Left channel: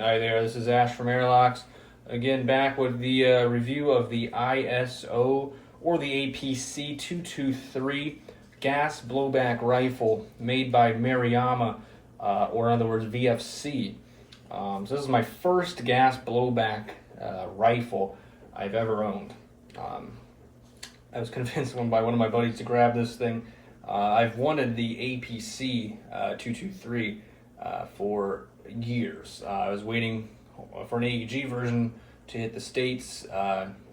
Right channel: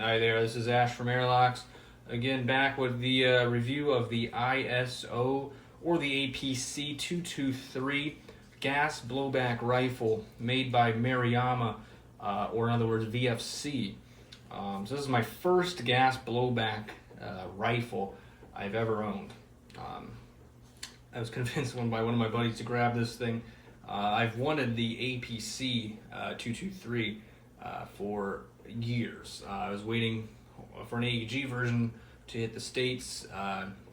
Hi there, this is Ash from Airlocks. Again, back with the review of the ISO or the APC223 gas blowback rifle made by Maruyama, or in other words, VFC. So this is my first gas blowback rifle I've ever owned. I was convinced by one of my buddies to grab this thing. I've wanted the APC 223 for years. I was waiting for an AEG version to hit the States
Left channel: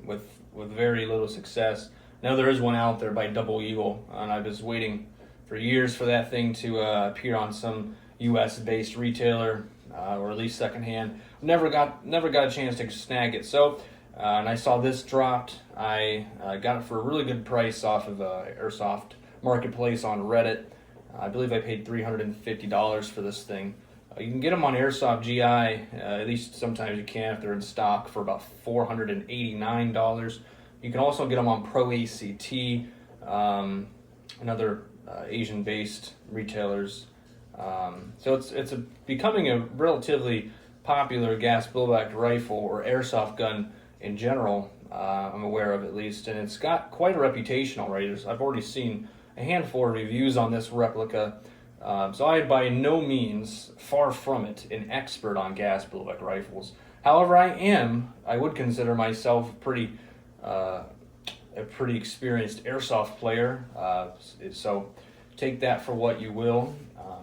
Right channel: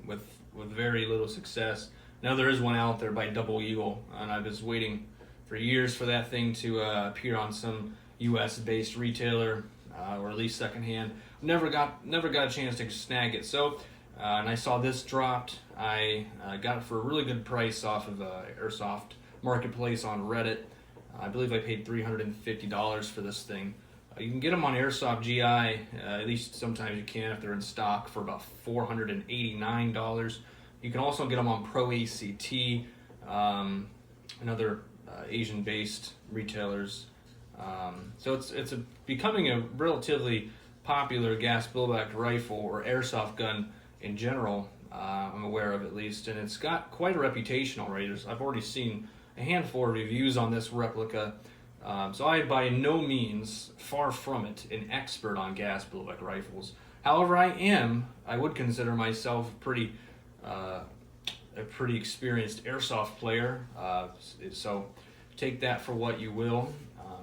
with very little success. Now there is one out there by Double Eagle, and I was waiting for years for that thing to appear on some US-based retailer, or at least secondhand. Never got a chance to snag it. So, and I saw this dropped. I got it for a really good price off of Airsoft Marketplace on Reddit. I believe I paid $350 for this thing. You can get them on Airsoft GI, at least sometimes you can if they're in stock, for about $489. You can also get them on Pro ACT and other Asian-based retailers. So it's becoming a relatively popular gas blowback rifle or airsoft gun in general. I'm aware of, at least, and it's got quite a reputation already. I've already seen a handful of reviews on this replica. So I, by no means, far from it, an expert on gas blowback rifles. However, I would consider myself a pretty experienced airsoft player. So take that for what you will.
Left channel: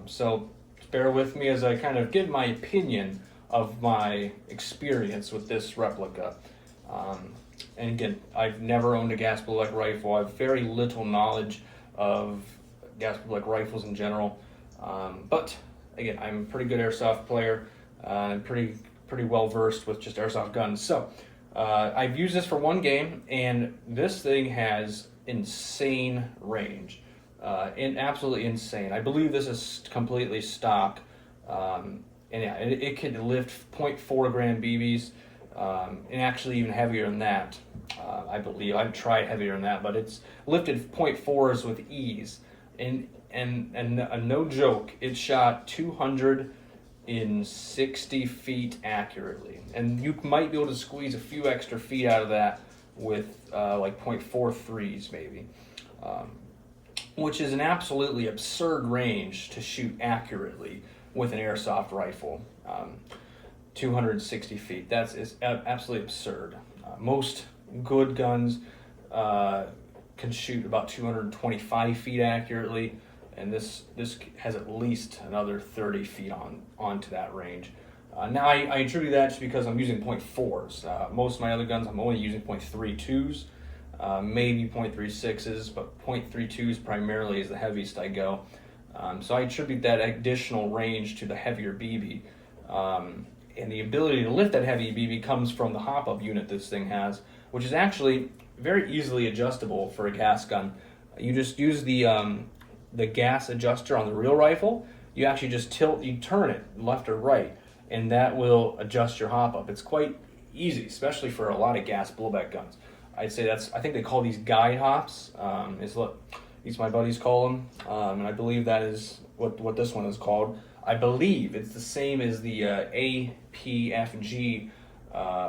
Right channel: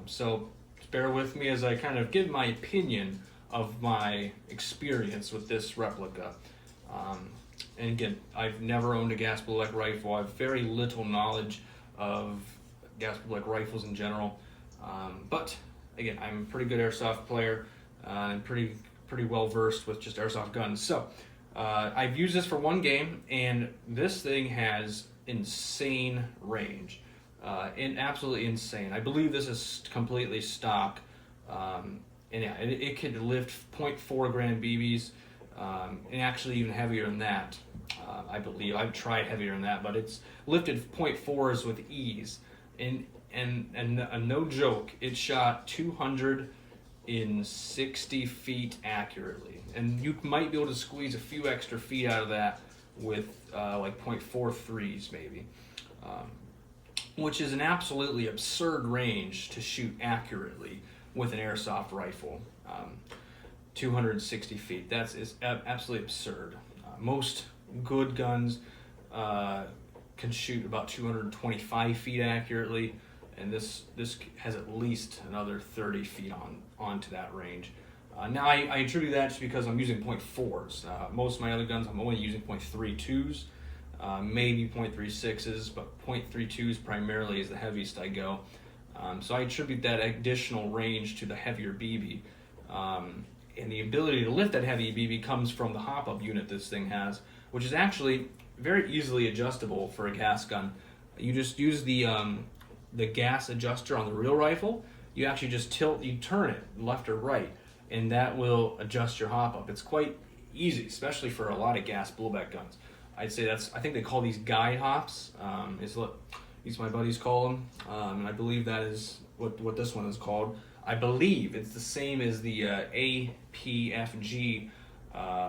So bear with me as I kind of give my opinion of my experience with this replica. And again, I've never owned a gas blowback rifle. I have very little knowledge of gas blowback rifles in general. But again, I'm a pretty good airsoft player and pretty well versed with just airsoft guns. So I've used this for one game, and this thing has insane range, and absolutely insane. I believe this is completely stock, and yeah, it could lift 0.4 gram BBs, and actually even heavier than that. I believe I've tried heavier than that, but it's lifted 0.4s with ease. And no joke, it shot 260 feet accurately, and you might be able to squeeze a few extra feet out of that with like 0.43s maybe, which is an absolutely absurd range to shoot accurately with an airsoft rifle. 260 feet, is absolutely absurd. Most good guns can shoot about 225 feet accurately, and this has at least another 30 feet onto that range. Now I attribute that just because I'm using 0.4s. Most of my other guns I'm only using 0.32s, maybe 0.36s, but 0.32s primarily is the heaviest I go. So I attribute that additional range to the heavier BB. And the ability to lift that heavy BB comes from the hop-up unit this thing has, which is actually very easily adjustable for a gas gun. You just use the gas adjuster on the real rifle. You actually just turn it left or right, and that will adjust your hop-up. It's quite easy, especially for a lot of gas blowback guns. I think they call these guide hops, is what these my buddies call them, and I believe that is what this one is called. I believe it's the same as the APFG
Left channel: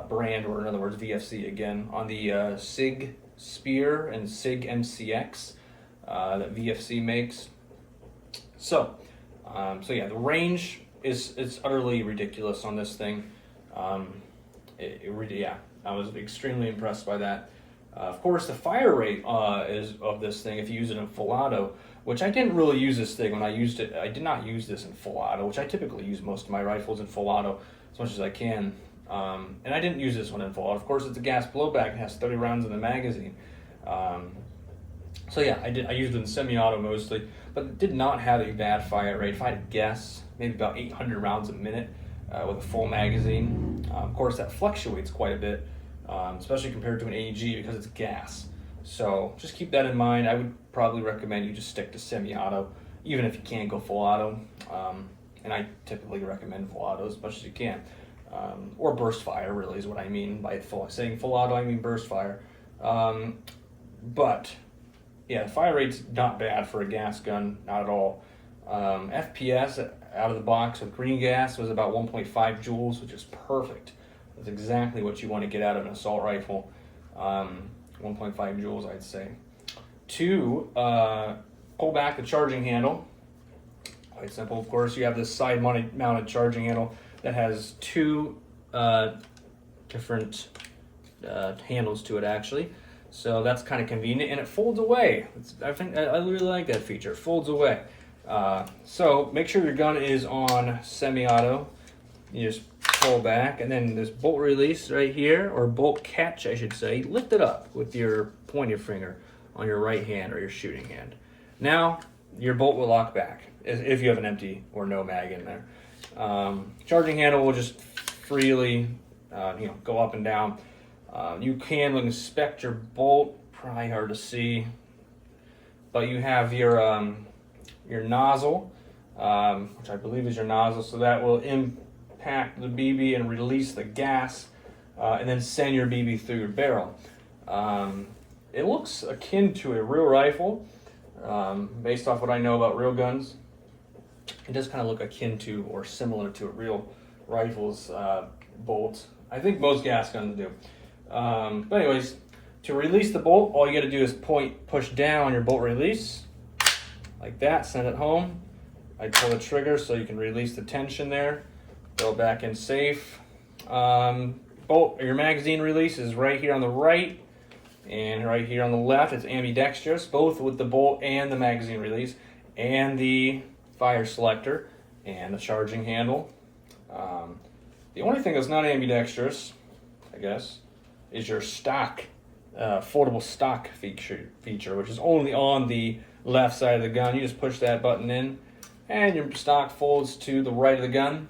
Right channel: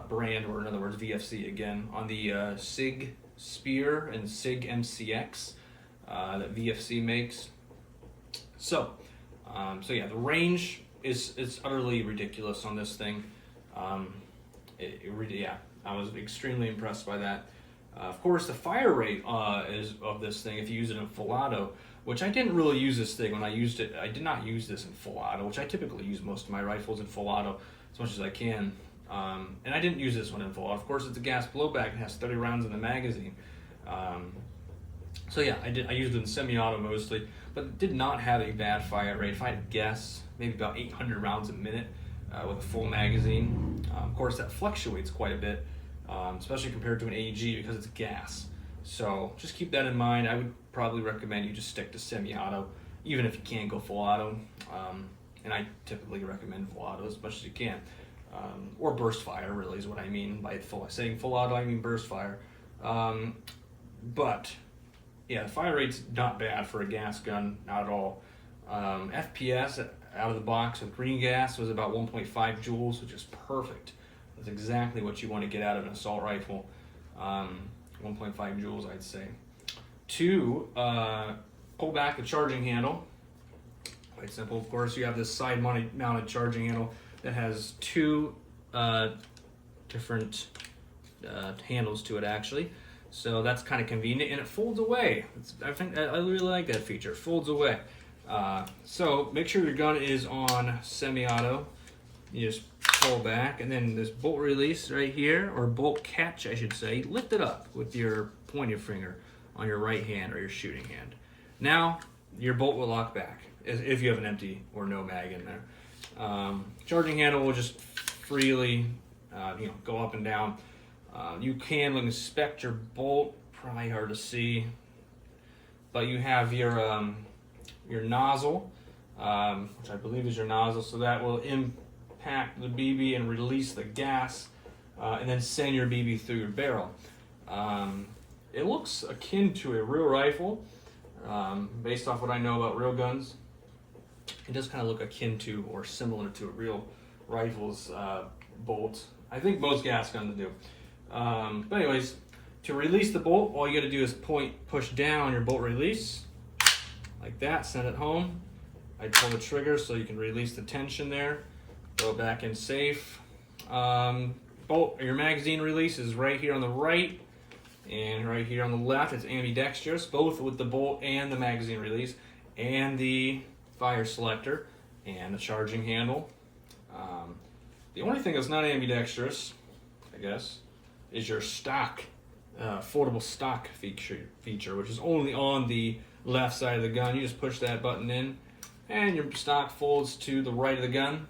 brand, or in other words VFC again, on the SIG Spear and SIG MCX that VFC makes. So yeah, the range is utterly ridiculous on this thing. Yeah, I was extremely impressed by that. Of course, the fire rate is of this thing, if you use it in full auto, which I didn't really use this thing when I used it. I did not use this in full auto, which I typically use most of my rifles in full auto as much as I can. And I didn't use this one in full auto. Of course, it's a gas blowback. It has 30 rounds in the magazine. So yeah, I used it in semi-auto mostly, but it did not have a bad fire rate. If I had to guess, maybe about 800 rounds a minute with a full magazine. Of course, that fluctuates quite a bit, especially compared to an AEG because it's gas. So just keep that in mind. I would probably recommend you just stick to semi-auto, even if you can't go full auto. And I typically recommend full auto as much as you can. Or burst fire, really, is what I mean by saying full auto. I mean burst fire. But yeah, the fire rate's not bad for a gas gun, not at all. FPS, out of the box with green gas was about 1.5 joules, which is perfect. That's exactly what you want to get out of an assault rifle. 1.5 joules, I'd say. To pull back the charging handle, quite simple, of course. You have this side mounted charging handle that has two different handles to it, actually. So that's kind of convenient, and it folds away. I really like that feature. It folds away. So make sure your gun is on semi-auto. You just pull back, and then this bolt release right here, or bolt catch, I should say. Lift it up with your pointer finger on your right hand or your shooting hand. Now your bolt will lock back if you have an empty or no mag in there. Charging handle will just freely, go up and down. You can inspect your bolt, probably hard to see, but you have your nozzle, which I believe is your nozzle, so that will impact the BB and release the gas, and then send your BB through your barrel. It looks akin to a real rifle, based off what I know about real guns. It does kind of look akin to or similar to a real rifle's bolt. I think most gas guns do. But anyways, to release the bolt, all you got to do is push down on your bolt release, like that, send it home. I pull the trigger so you can release the tension there, go back in safe. Your magazine release is right here on the right, and right here on the left. It's ambidextrous, both with the bolt and the magazine release, and the fire selector, and the charging handle. The only thing that's not ambidextrous, I guess, is your stock, foldable stock feature, which is only on the left side of the gun. You just push that button in, and your stock folds to the right of the gun,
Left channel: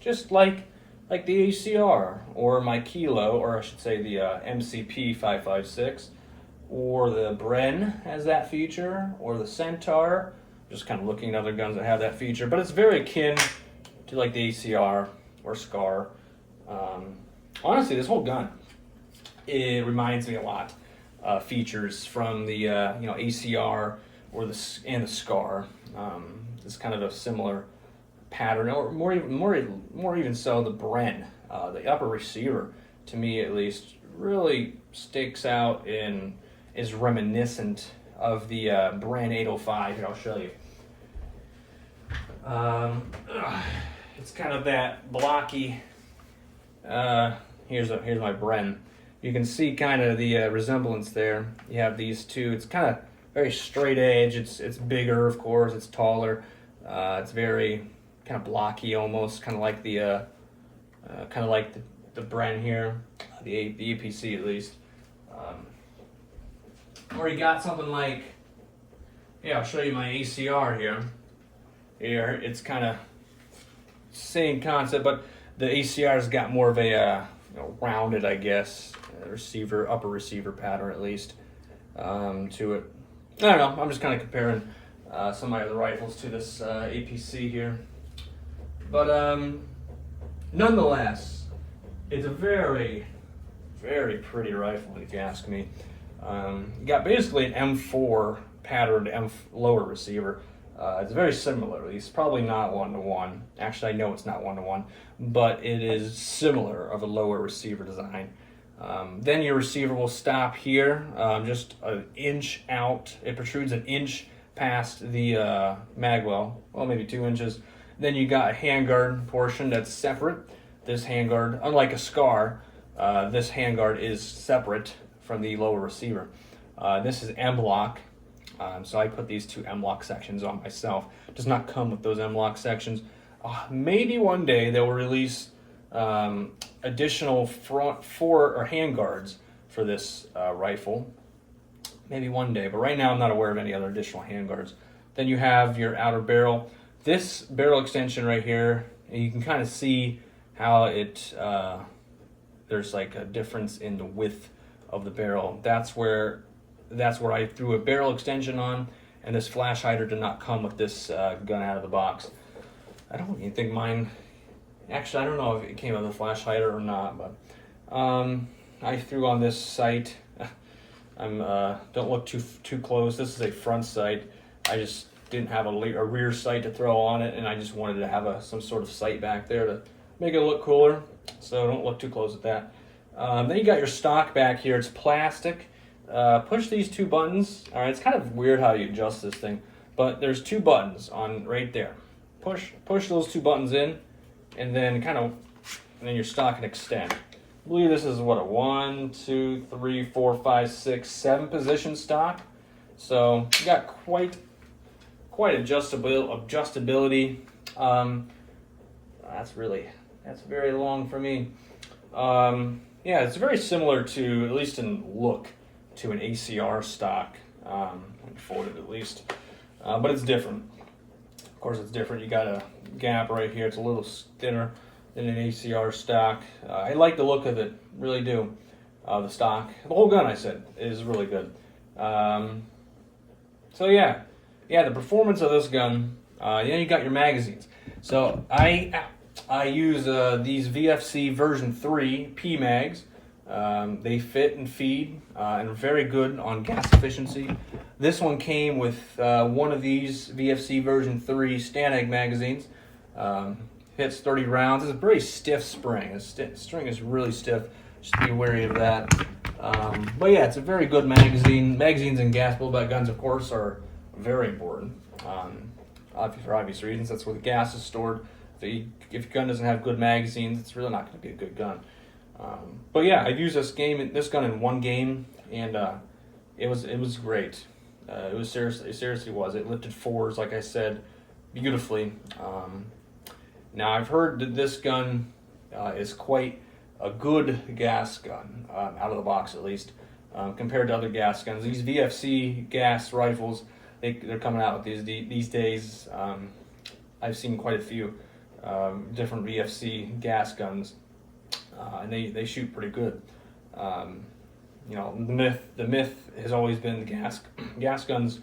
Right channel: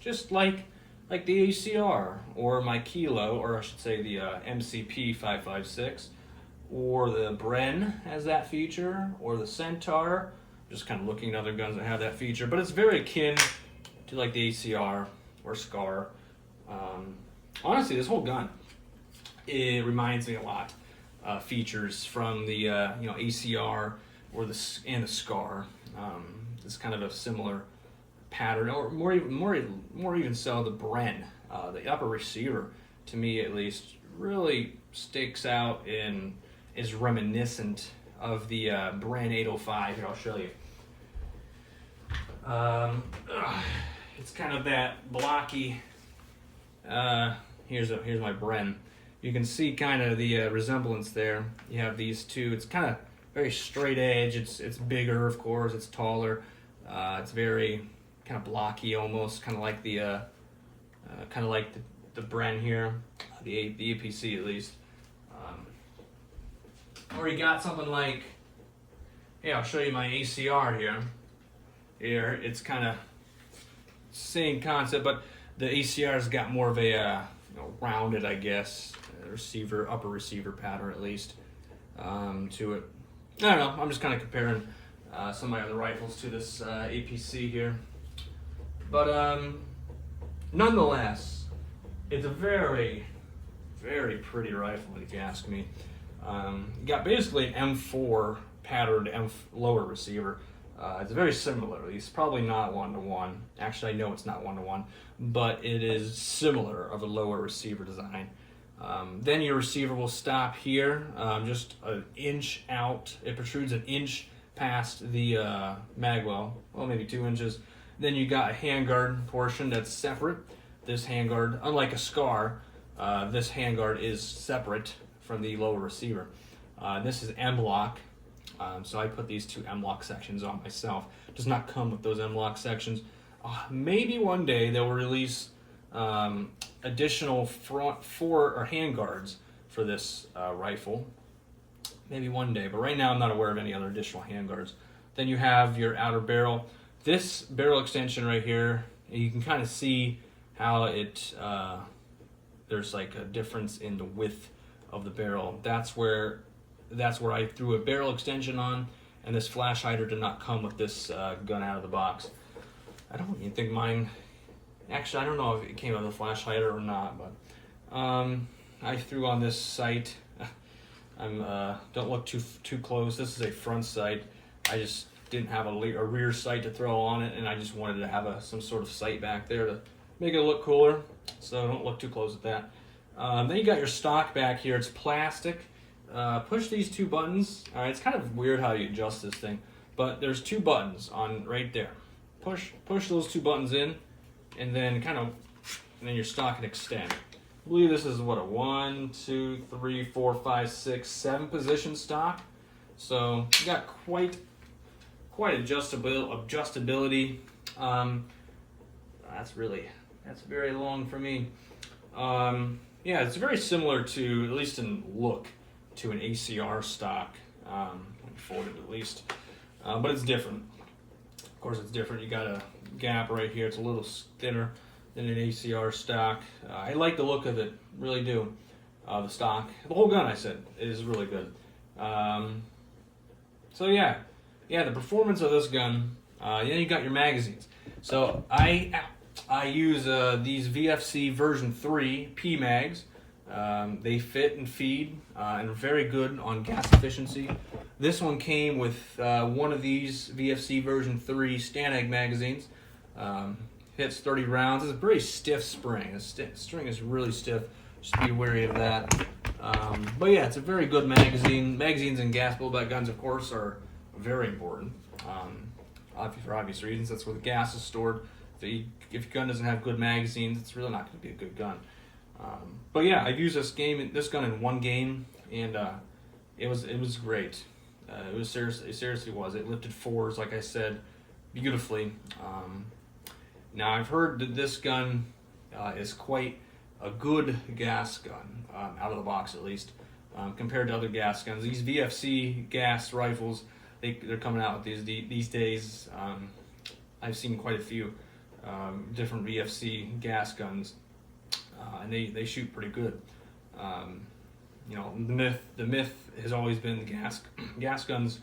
just like the ACR, or my Kilo, or I should say the MCP 556, or the Bren has that feature, or the Centaur. Just kind of looking at other guns that have that feature, but it's very akin to like the ACR or SCAR. Honestly, this whole gun, it reminds me a lot features from the ACR or the SCAR. It's kind of a similar pattern, or more even so, the Bren, the upper receiver, to me at least, really sticks out and is reminiscent of the Bren 805. Here, I'll show you. It's kind of that blocky. Here's my Bren. You can see kind of the resemblance there. You have these two. It's kind of very straight edge. It's bigger, of course. It's taller. It's very kind of blocky, almost kind of like the Bren here, the APC at least. Or you got something like, yeah, I'll show you my ACR here. Here, it's kind of same concept, but the ACR's got more of a rounded, I guess, upper receiver pattern at least to it. I don't know. I'm just kind of comparing some of my other rifles to this APC here, but nonetheless, it's a very, very pretty rifle if you ask me. You got basically an M4 patterned lower receiver. It's very similar. It's probably not one-to-one. Actually, I know it's not one-to-one, but it is similar of a lower receiver design. Then your receiver will stop here, just an inch out. It protrudes an inch past the mag well, maybe 2 inches. Then you got a handguard portion that's separate. This handguard, unlike a SCAR, this handguard is separate from the lower receiver. This is M-lock. So I put these two M-lock sections on myself. It does not come with those M-lock sections. Maybe one day they will release additional front handguards for this rifle. Maybe one day, but right now I'm not aware of any other additional handguards. Then you have your outer barrel. This barrel extension right here, you can kind of see how there's like a difference in the width of the barrel. That's where I threw a barrel extension on, and this flash hider did not come with this gun out of the box. I don't even think mine, actually I don't know if it came with a flash hider or not, but I threw on this sight. Don't look too close. This is a front sight. I just didn't have a rear sight to throw on it, and I just wanted to have some sort of sight back there to make it look cooler. So don't look too close at that. Then you got your stock back here. It's plastic. Push these two buttons. All right, it's kind of weird how you adjust this thing, but there's two buttons on right there. Push those two buttons in, and then then your stock can extend. I believe this is what, a 1, 2, 3, 4, 5, 6, 7 position stock. So you got quite adjustability. That's very long for me. Yeah, it's very similar to, at least in look, to an ACR stock, when folded at least, but it's different. Of course, it's different. You got a gap right here. It's a little thinner than an ACR stock. I like the look of it, really do. The stock, the whole gun, I said, is really good. So yeah, the performance of this gun. Then you got your magazines. So I use these VFC version 3 P mags. They fit and feed and are very good on gas efficiency. This one came with one of these VFC version 3 Stanag magazines. Hits 30 rounds. It's a very stiff spring. The string is really stiff. Just be wary of that. But yeah, it's a very good magazine. Magazines and gas blowback guns, of course, are very important. For obvious reasons, that's where the gas is stored. If your gun doesn't have good magazines, it's really not going to be a good gun. But yeah, I've used this gun in one game, and it was great. It was seriously was. It lifted fours, like I said, beautifully. Now I've heard that this gun is quite a good gas gun, out of the box at least, compared to other gas guns. These VFC gas rifles, they're coming out with these days. I've seen quite a few different VFC gas guns, and they shoot pretty good. You know, the myth has always been the gas guns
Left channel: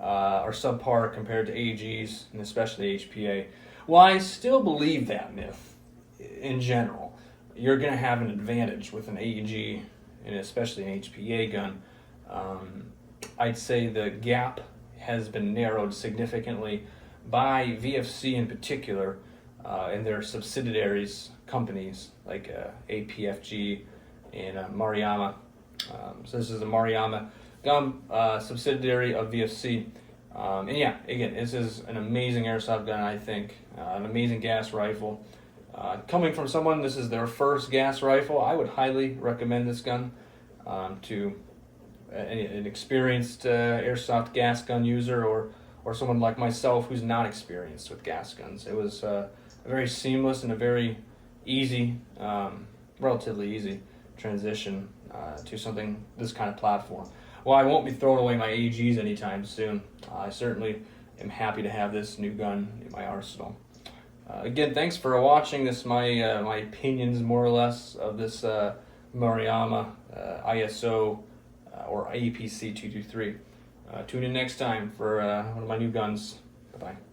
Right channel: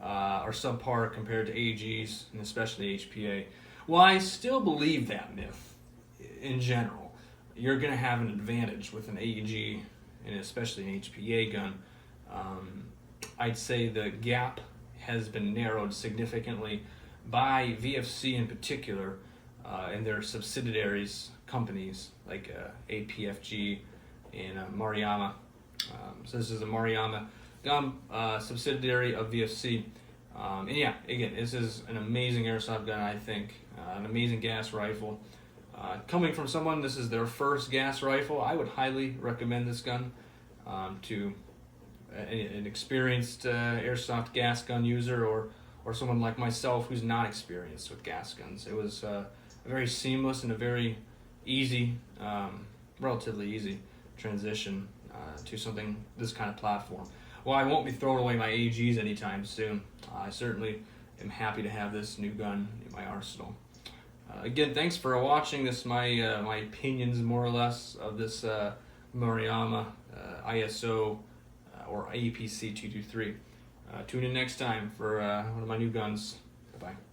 are subpar compared to AGs, and especially HPA. Well, I still believe that myth in general. You're going to have an advantage with an AG, and especially an HPA gun. I'd say the gap has been narrowed significantly by VFC in particular, and their subsidiaries companies like APFG and Maruyama. So this is a Maruyama gun subsidiary of VFC. And yeah, again, this is an amazing airsoft gun, I think. An amazing gas rifle. Coming from someone, this is their first gas rifle, I would highly recommend this gun to an experienced airsoft gas gun user, or someone like myself who's not experienced with gas guns. It was a very seamless and a very easy, relatively easy transition to this kind of platform. Well, I won't be throwing away my AGs anytime soon. I certainly am happy to have this new gun in my arsenal. Again, thanks for watching this, my opinions more or less of this Maruyama ISO or APC223. Tune in next time for one of my new guns. Bye-bye.